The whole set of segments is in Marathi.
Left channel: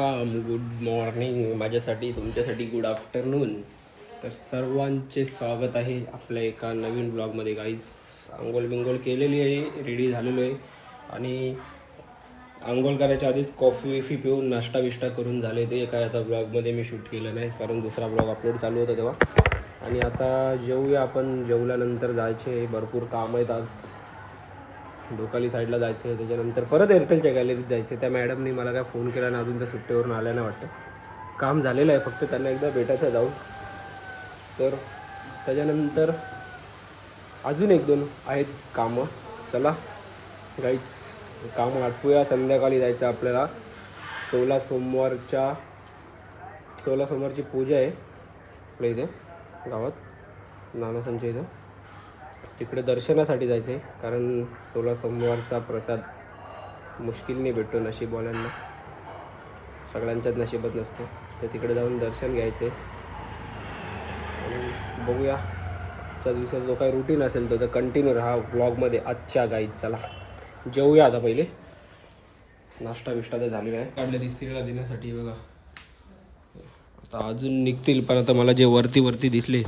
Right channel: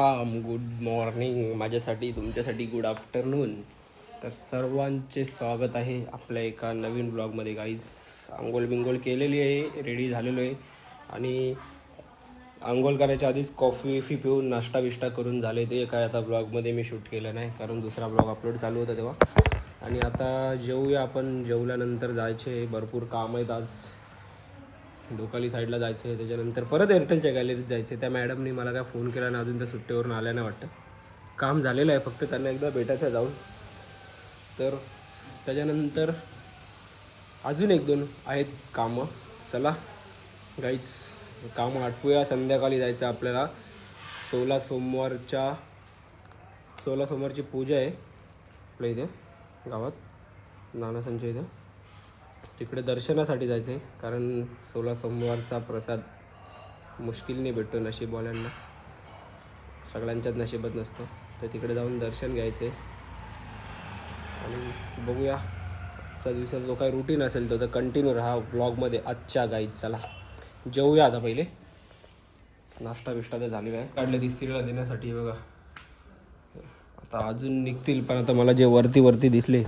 गुड मॉर्निंग माझ्यासाठी तुमच्यासाठी गुड आफ्टरनून तर सर्वांचे स्वागत आहे आपल्या एका नवीन ब्लॉगमध्ये गाईज आंघोळ बिंघोळ केलेली आहे रेडी झालेलो आहे. आणि आंघोळ करायच्या आधीच कॉफी विफी पिऊन नाश्ता बिष्टा करून झाले ते काय आता ब्लॉगमध्ये मी शूट केलं नाही कारण दुसरा ब्लॉग अपलोड चालू होता तेव्हा. आणि आता जेवूया आपण. जेवल्यानंतर जायचे भरपूर काम आहेत आज. डोकाली साईडला जायचं आहे त्याच्यानंतर परत एअरटेलच्या गॅलरीत जायचं आहे त्या मॅडमनी मला काय फोन केला ना अजून त्या सुट्टीवरून आल्या ना वाटतं. काम झालेलं आहे फक्त त्यांना एकदा भेटायचं जाऊन. तर त्याच्यानंतर अजून एक दोन आहेत कामं. चला गाईच कामं आटपूया. संध्याकाळी जायचं आपल्याला. सोळा सोमवारच्या सोळा सोमवारची पूजा आहे. आपल्या इथे गावात. नानासांच्या इथं. तिकडे दर्शनासाठी जायचं आहे कारण सोळा सोमवारचा प्रसाद मुश्किलने भेटतो नशीबवाल्यांना सगळ्यांच्याच नशिबात नसतो. तर तिकडे जाऊन दर्शन घ्यायचे आणि बघूया. आजचा दिवसाचा जो काही रुटीन असेल तो तर कंटिन्यू राहा ब्लॉगमध्ये आजच्या गाईत चला जेवूया आता पहिले. नाश्ता बिष्टा तर झालेला आहे. काढलेली स्त्रीला देण्यासाठी बघा. आता अजून निघतील पण आता मला जे वरती वरती दिसले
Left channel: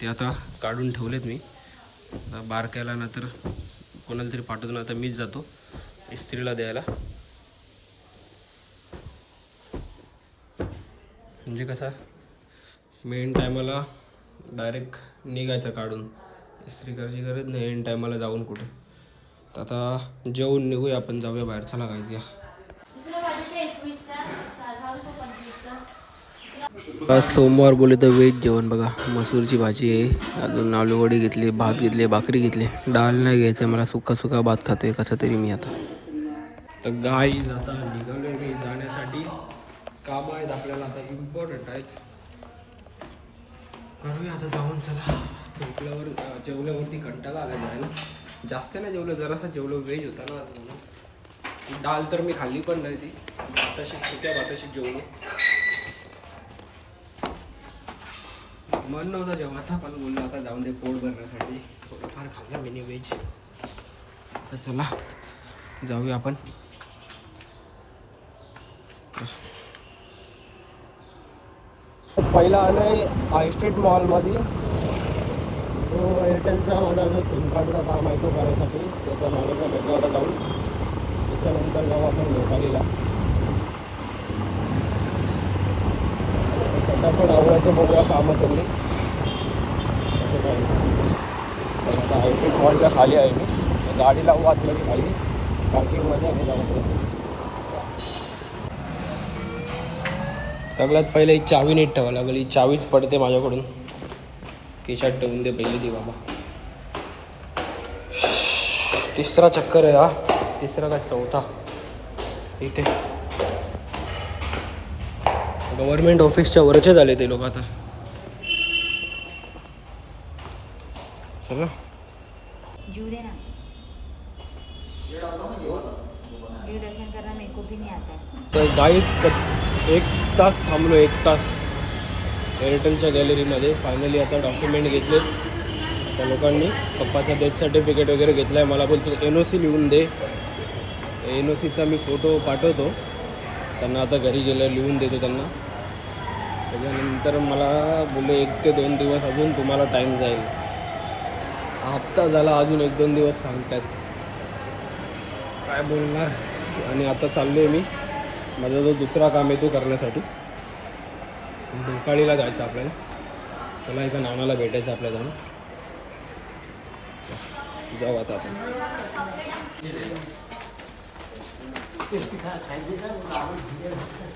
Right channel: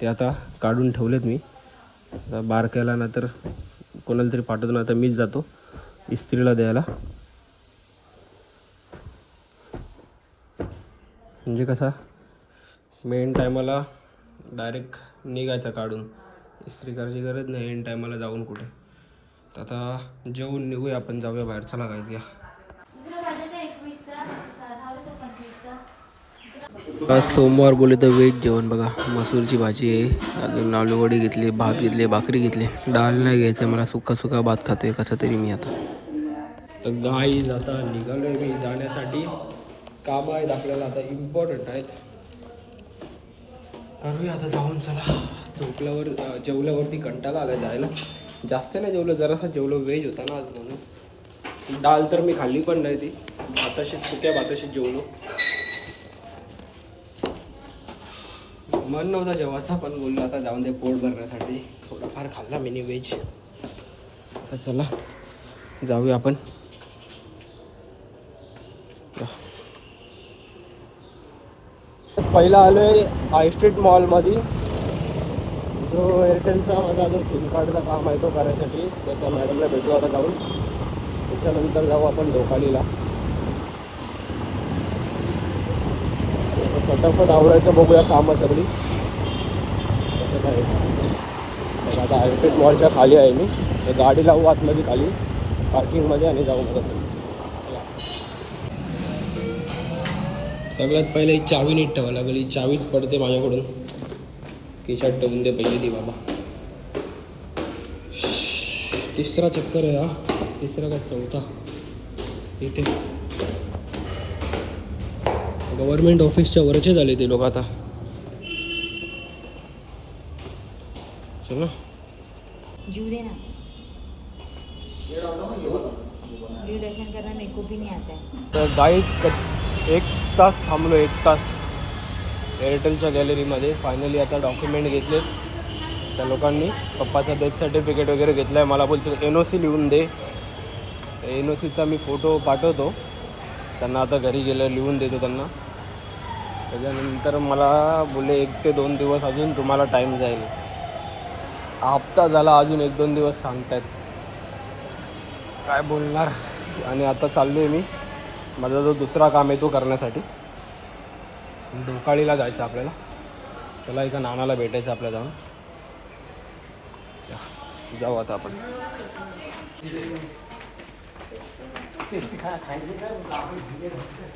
ते आता काढून ठेवलेत मी. आता बारक्याला ना तर कोणाला तरी पाठवतो ना आता मीच जातो. इस्त्रीला द्यायला. म्हणजे कसा? मेन टायमाला डायरेक्ट निघायचं काढून. इस्त्री करायची गरज नाही एन टायमाला जाऊन कुठे. तर आता जेवून निघूया आपण जाऊया बाहेर. चला काय या. सोमवार बोलले तर व्हेज जेवण बघा. मसूरची भाजी आहे. अजून आलूवडी घेतली भात घेतले भाकरी घेतली. डाळ नाही घ्यायचं मला सुका सुका भात खातोय कसं तरी मी आता. तर गाई आता निघालोय मी जाण्यासाठी. काम आहेत आपल्याला आता इम्पॉर्टंट आहेत. करूया आता जाऊन चला. झोपल्यावर जेवल्यावरती कंटाळा आला जायला. जास्त नाही जेवलं जरासा जेवलं व्हेज होता ना आज म्हणून. डाळ तर मी खाल्ली पण नाही ती. भाताशी सुक्या भाताशी जेवलो. मन नव्हता जेव्हाचा पण बोललो आता जाऊन दे पोट भरण्यासाठी. थोडंफार खाल्ला मिनी व्हेज आता चला जाऊया आपण. पहिला आलोय हाय स्ट्रीट मॉलमध्ये जो एअरटेलचा माझा जो सिम कार्डचा काम आहे तो करायसाठी त्याच्या मॅडमला भेटू आता जाऊन. त्याच्यानंतर जाऊ आपण डोकालीला फटाफट आवरायचं बघूया कामं सगळी. असं काय? तर आता आयस्टेट मॉलच्या खाली आहे मी. तर गाडी लावू आतमध्ये खाली. पार्किंगमध्ये आणि जाऊ परत सगळ्यात पहिले ही चावी नीट ठेवावं लागेल. ही चावीच पडते माझ्याकडून. केशात ठेवून दे पहिली ती बाबा. तिसरा चक्कर आहे हा. तिसरा का चौथा? इथे. गव्हर्नमेंट ऑफिसच्या वरचे झाले ते लोक आता. चला. जूड़े ना. ड्यूरेशन करना मेरे को भी नहीं आता है तर गाईज क एक तास थांबलो एक तास. एअरटेलच्या गॅलरीमध्ये फायनली आता डॉक्युमेंट घेतलेत त्या लोकांनी पप्पाचा डेथ सर्टिफिकेट वगैरे घेतला आहे मला बोलतो एन ओ सी लिहून दे. एन ओ सीचा मी फोटो पाठवतो. त्यांना आता घरी गेलं लिहून देतो त्यांना. त्याच्यानंतर मला बोलले एक ते दोन दिवस अजून तुम्हाला टाईम जाईल. हप्ता झाला अजून एक दोन दिवस सांगतायत. काय बोलणार? आणि आता चाललो आहे मी. माझा जो दुसरा काम आहे तो करण्यासाठी. ढोकाळीला जायचं आपल्याला. चला एका नानाला भेटायचं आपल्या जाऊन. जाऊ आता आपण.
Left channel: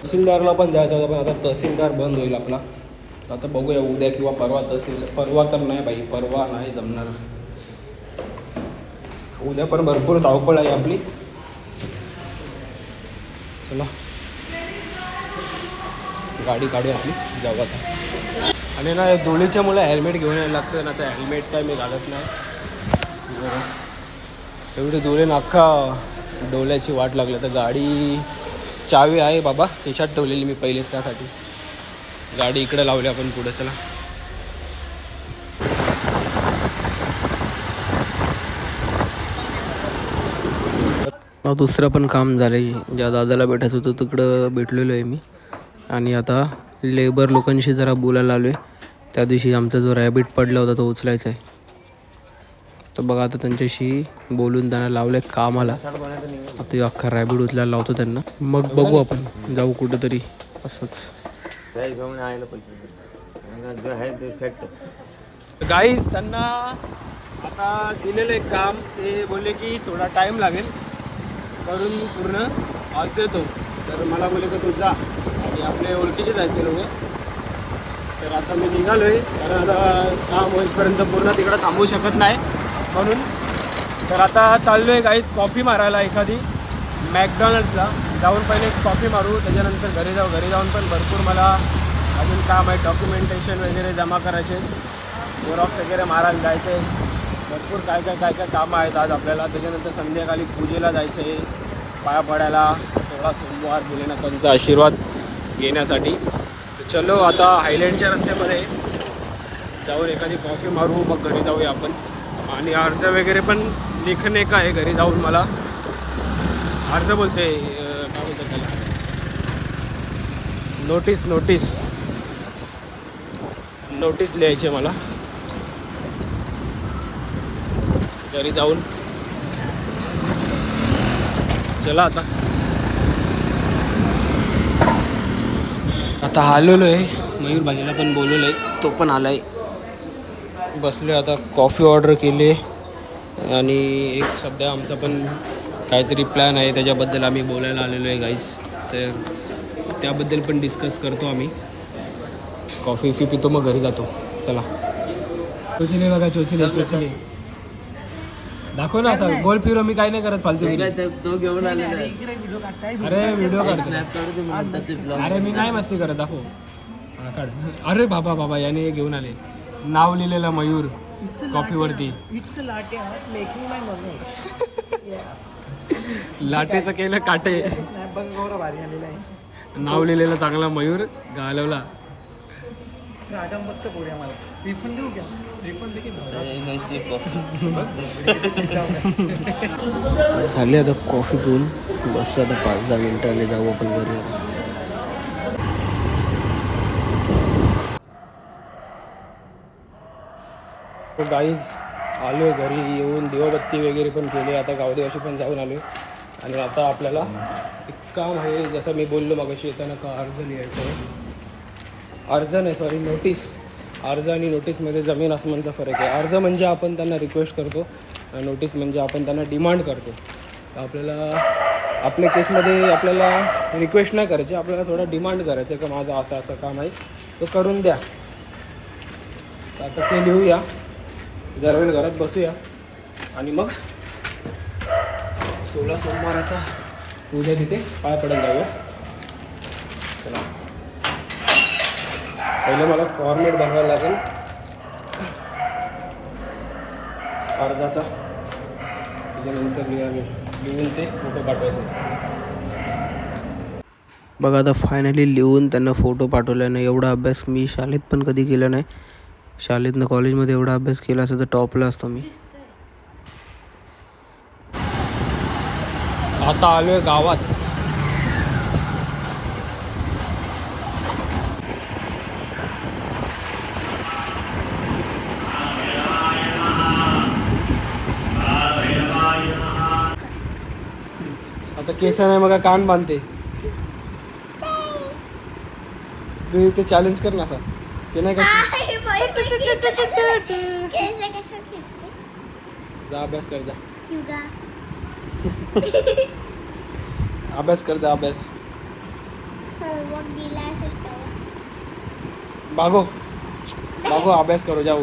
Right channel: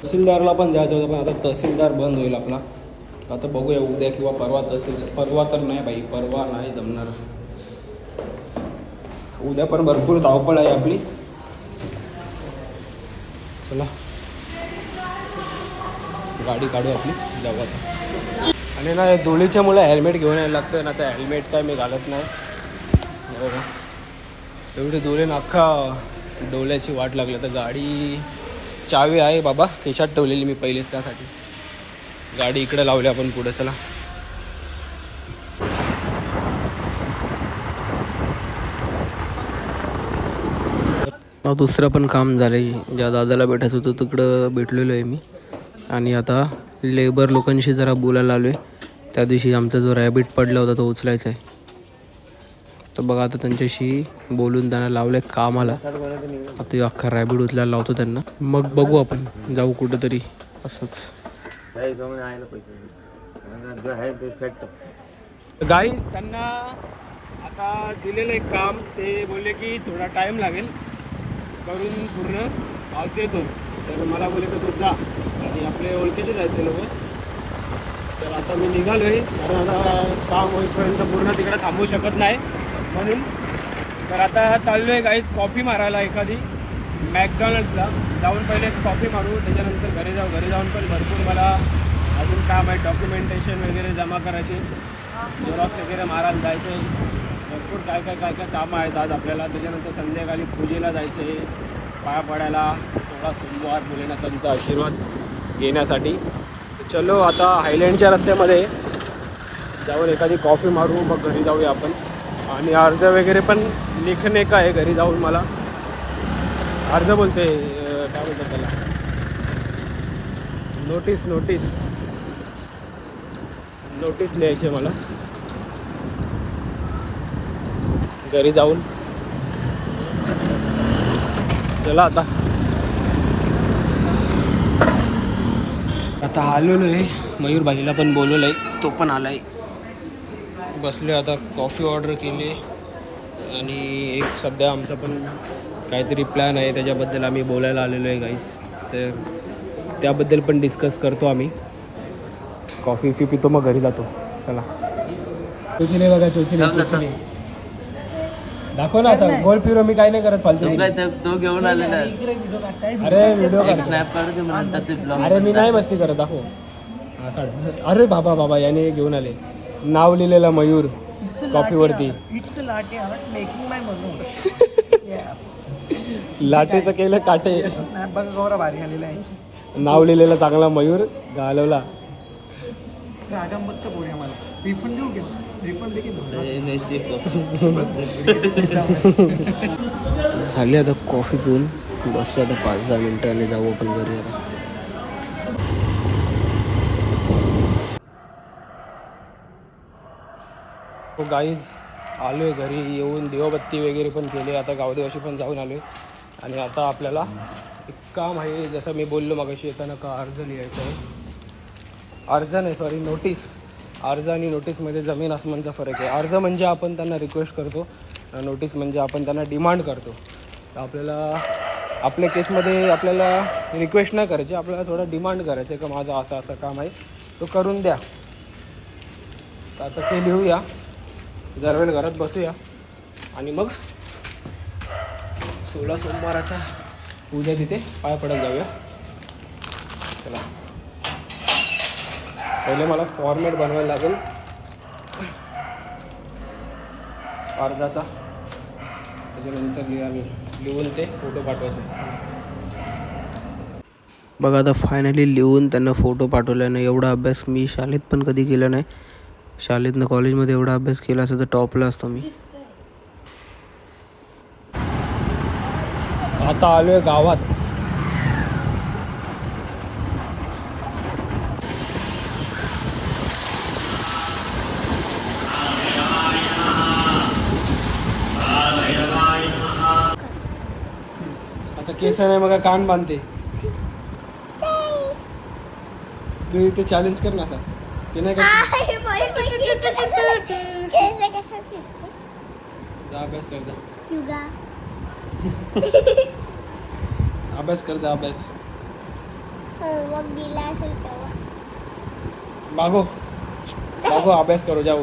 तहसीलदारला पण जायचं होतं पण आता तहसीलदार बंद होईल आपला. आता बघूया उद्या किंवा परवा तहसीलदार परवा तर नाही बाई परवा नाही जमणार. उद्या पण भरपूर धावपळ आहे आपली. चला. गाडी काढू आपली जाऊ आता. आणि ना धुळीच्या मुळे हेल्मेट घेऊन यायला लागतं ना आता हेल्मेट काय मी घालत नाही. बघा. एवढी धुळे अख्खा डोल्याची वाट लागली. तर गाडी चावी आहे बाबा. खिशात ठेवलेली मी पहिलेच त्यासाठी. गाडी इकडे लावली आपण पुढे. चला. दुसरं पण काम झालं आहे ज्या दादाला भेटायचं होतं तिकडं भेटलेलो आहे मी. आणि आता लेबर लोकांशी जरा बोलायला आलो आहे त्या दिवशी आमचा जो रॅबिट पडला होता तो उचलायचा आहे. तर बघा आता त्यांच्याशी बोलून त्यांना लावलं आहे कामाला. आता अख्खा रॅबिड उचलायला लावतो त्यांना. मग बघू आपण. जाऊ कुठंतरी. असंच. त्या पैसे आहे ते फॅक्ट गाईज त्यांना आता दिलेलं एक काम. ते बोलले की थोडा टाईम लागेल. करून पूर्ण आज देतो. तर मला बोलले की तू जा. आणि आपले ओळखीचेच आहेत ते लोक. तर आता मी निघालो आहे कारण आता काम होईपर्यंत पूर्ण तिकडं थांबू शकत नाही. म्हणून. तर आता चाललो आहे गाईज कॉफी मारायला एखादी. मॅकडॉनल्ड्सला जाऊन पहिले एक कॉफी मारू त्याच्यानंतर घरी जाऊ. घरी जाऊन पण भरपूर मला अजून काम आहे डॉक्युमेंटेशन वगैरे जमा करायचे. झेरॉक्स वगैरे मारायला जायचे. भरपूर काय काय काय काय कामं आहेत आज आपल्याला. त्याच्यानंतर संध्याकाळी पूजेला जायचं. आहे पाया पडायला. सोळा सोमवार भोलेनाथांचा आशीर्वाद घेण्यासाठी. तर चलो आता हायलँडच्या रस्त्यामध्ये जाऊन एखादी कॉफी मारू. मग घरी जाऊया आपण. आणि अर्ज वगैरे पण लेखन का आहे घरी जाऊन मला? अर्ज बोलते काय बोलतात त्याला? नोटीस नोटीस नोटीस लिहायची आहे मला. घरी जाऊन. चला आता. आता आलेलो आहे मयूर भाजीला पण बोलवलं आहे तो पण आला आहे बसले आता कॉफी ऑर्डर केली. आहे आणि एक सध्या आमचा पण काहीतरी प्लॅन आहे त्याच्याबद्दल आम्ही बोलायला आलेलो आहे गाईस तर त्याबद्दल पण डिस्कस करतो आम्ही. कॉफी फी पितो मग घरी जातो. चला. चोचले बघा चोचले चोचले. दाखव ना असं गोल फिरो मी काय नाही करत फालतू तो घेऊन आलेला अरे व्हिडिओ काढतो. म्हणतात ते. अरे मी नाही मस्ती करत दाखव. हा, काढ. अरे बाबा बाबा याने घेऊन आले. नाव लिहिलेलं Mayur कॉफीवरती. making my Manoj. yeah. लाटेचं केलं काटे. नाव लिहिलेलं चांगला मयूर घालवला रिफंड देऊ घ्या रिफंड देखील. झाली आता कॉफी पिऊन. बसतो आता पाच दहा मिनटं आणि जाऊ आपण घरी आता. हो गाईज आलो आहे घरी येऊन दिवाबत्ती वगैरे पण केली आता गावदेवाशी पण जाऊन आलो आहे आणि आता आपल्याला एक काम आहे जसं मी बोललो मागाशी येताना का अर्ज लिहायचं आहे? अर्ज नाही सॉरी नोटीस अर्ज आणि नोटीसमध्ये जमीन आसमानचा फरक आहे. अर्ज म्हणजे आपण त्यांना रिक्वेस्ट करतो नोटीस म्हणजे आपण त्यांना डिमांड करतो. आपल्याला आपल्या केसमध्ये आपल्याला रिक्वेस्ट नाही करायची आपल्याला थोडा डिमांड करायचं आहे का माझं असं असं काम आहे तो करून द्या. तर आता ते लिहूया. जर वेळ घरात बसूया. आणि मग सोळा सोमवाराचा पूजा तिथे पाय पडत जाऊया. चला. पहिले मला फॉर्मेट बनवायला लागेल. अर्जाचा. त्याच्यानंतर लिहा लिहून ते फोटो पाठवायचे. बघा आता फायनली लिहून त्यांना फोटो पाठवल्याने एवढा अभ्यास मी शाळेत पण कधी केला नाही. शाळेतनं कॉलेजमध्ये एवढा अभ्यास केला असता तर टॉपला असतो मी. आता आलोय गावात. आता केस नाही मग कान बांधते. तू ते चॅलेंज कर ना असा. ते नाही का जा अभ्यास कर जा. अभ्यास कर जा अभ्यास. होमवर्क दिला असेल तेव्हा. बागो. बागो अभ्यास करो जाऊ.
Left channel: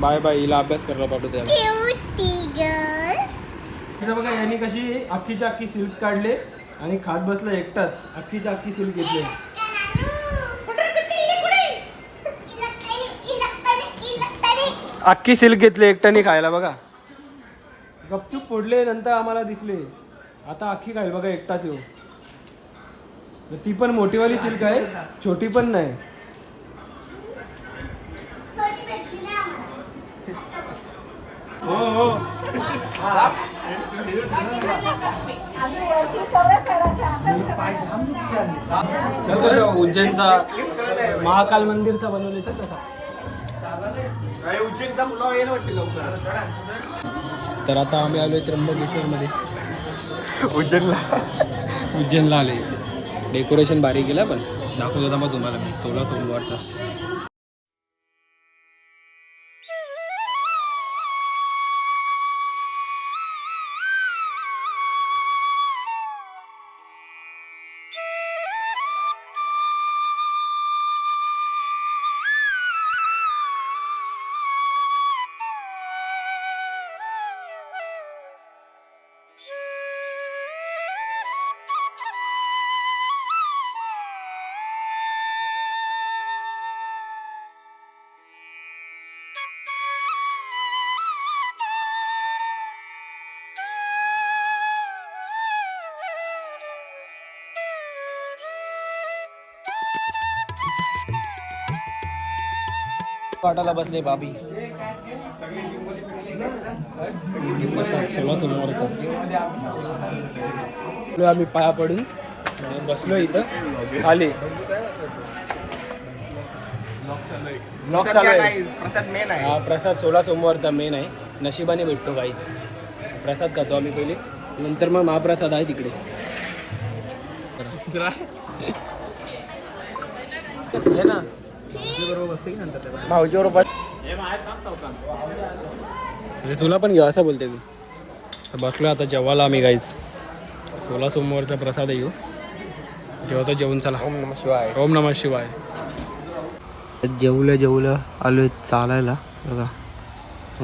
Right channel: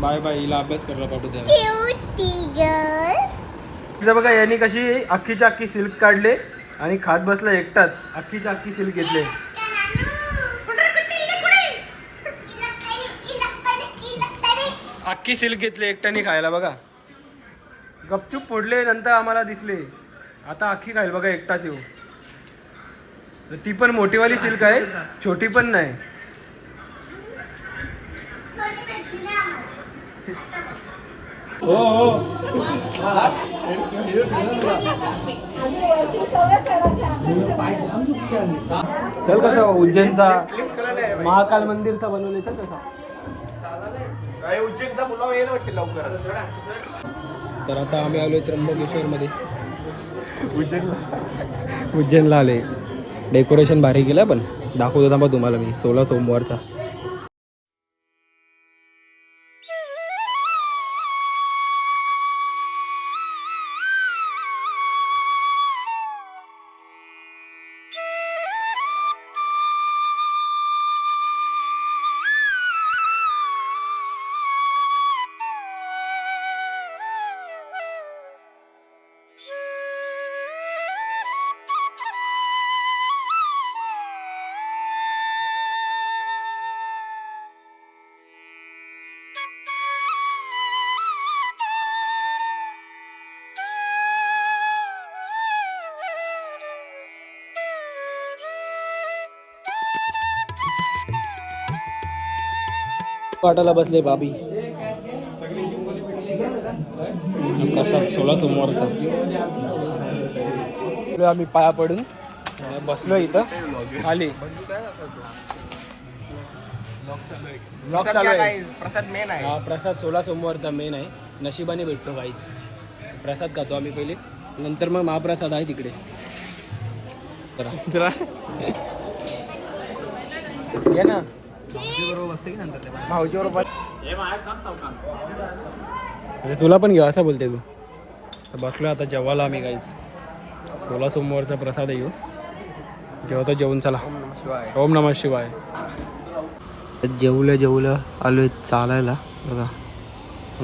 बाय बाय हिला अभ्यास करायला पाठवते इथं बघा यांनी कशी अख्खीच्या अख्खी सिल्क काढले आणि खात बसला एकटाच. अख्खीच्या अख्खी सिल्क घेतले. अख्खी सिल्क घेतले एकट्याने खायला बघा. गपचूप फोडले नंतर आम्हाला दिसले. आता अख्खी खाईल बघा एकटाच येऊ. ती पण मोठीवाली सिल्क आहे छोटी पण नाही. चल कसं उज्जैनचा महाकाल मंदिरचा बनवले चल कसा? तर आता आम्ही आलोय त्र्यंबकेश्वरमध्ये. उज्जैनला. उज्जैनला आले डेकोरेशन भारी केलं पण दाखवतो थांबा तुम्हाला मी. सोळा सोमवारचा. वाटायला बसले बाबी प्रसाद सोळा सोमवारचा. आम्ही पाया पडून. बसलो इथं. खाली. ब्लॉग चालू आहे. प्रसाद मेन हा प्रसाद सोळा सोमवारचा मेन आहे. नशिबाने भेटतो काही प्रसाद खातो आम्ही पहिले. नंतर मग महाप्रसाद आहे तिकडे. ये ना. भाऊजी बरोबर म्हणजे तुला पण घेऊ असं बोलते तू. तर बसलो आता जेवायला आम्ही गाईज सोळा सोमवारचा प्रसाद आहे येऊ जेवतो जेवून चला. ओम नमः शिवाय. जेवलं जेवलं आलोय चालायला. बघा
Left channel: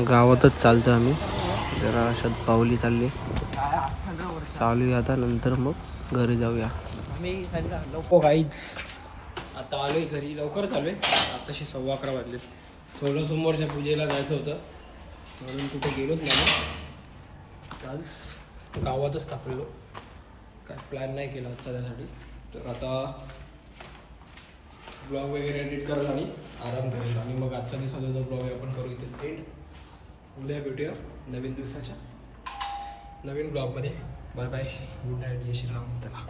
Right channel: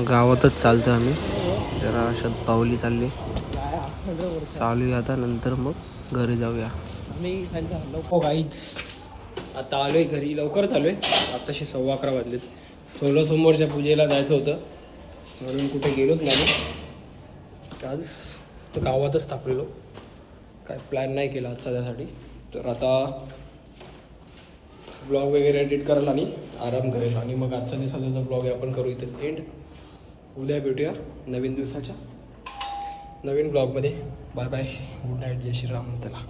गावातच चालतो आम्ही. जरा अशात पावली चालली. चालू आता नंतर मग घरी जाऊया. हो आता आता आलोय घरी लवकरच आलोय आताशी सव्वा अकरा वाजलेत. सोळा सोमवारच्या पूजेला जायचं होतं. म्हणून कुठे गेलोच नाही आज गावातच थांबलेलो. काय प्लॅन नाही केला आज सध्यासाठी तर आता ब्लॉग वगैरे एडिट करेल आणि आराम करेल. आणि मग आजचा दिवसाचा जो ब्लॉग आहे आपण करू इथेच एंड उद्या भेटूया नवीन दिवसाच्या नवीन ब्लॉगमध्ये बाय बाय गुड नाईट जय श्रीराम. चला.